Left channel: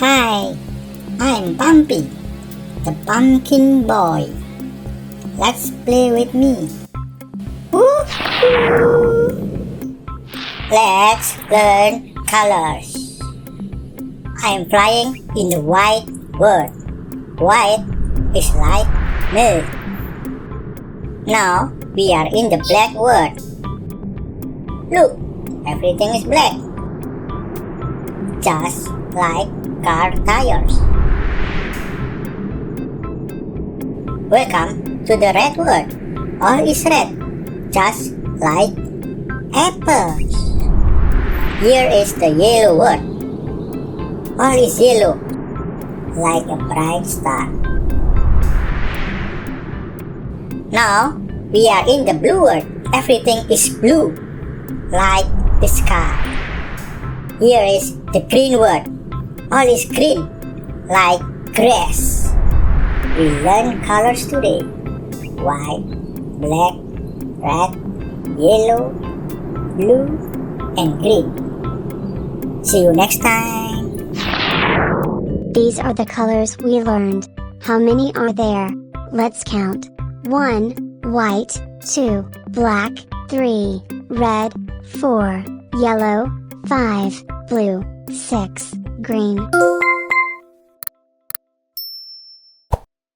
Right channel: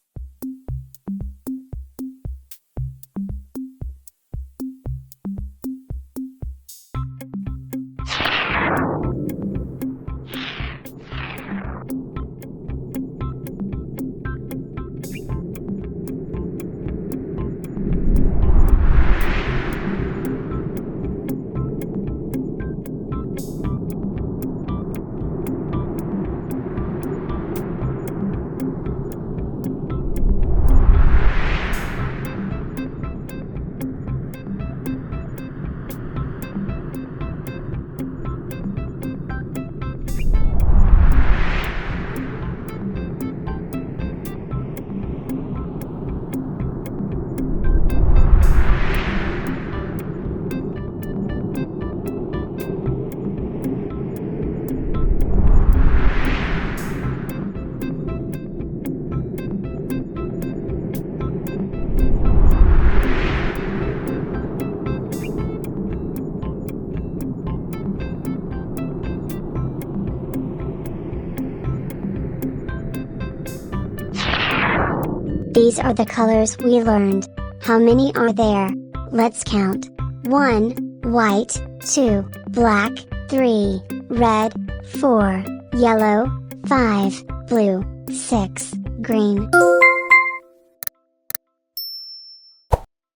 Hi, I'm Pumpy the Pumpkin Boy. Let's play with me. Woo-hoo! Let's learn colors. I'm flying in the white world. White is like milk. Now we are in the black world. Look, everything is black. Just like car tires. Welcome to the red world. All is red, just like apples. Here is the yellow world. All is yellow, like a bright star. Now we are in the blue world. Everything is blue, like the sky. Here is the green world. All is green, like grass. We learn colors today. White, black, red, yellow, blue, and green. See you next time. These are the colors we learned. How many are there? Let's count. 1, white, 2, black, 3, red, 4, yellow, 5, blue, 6, green.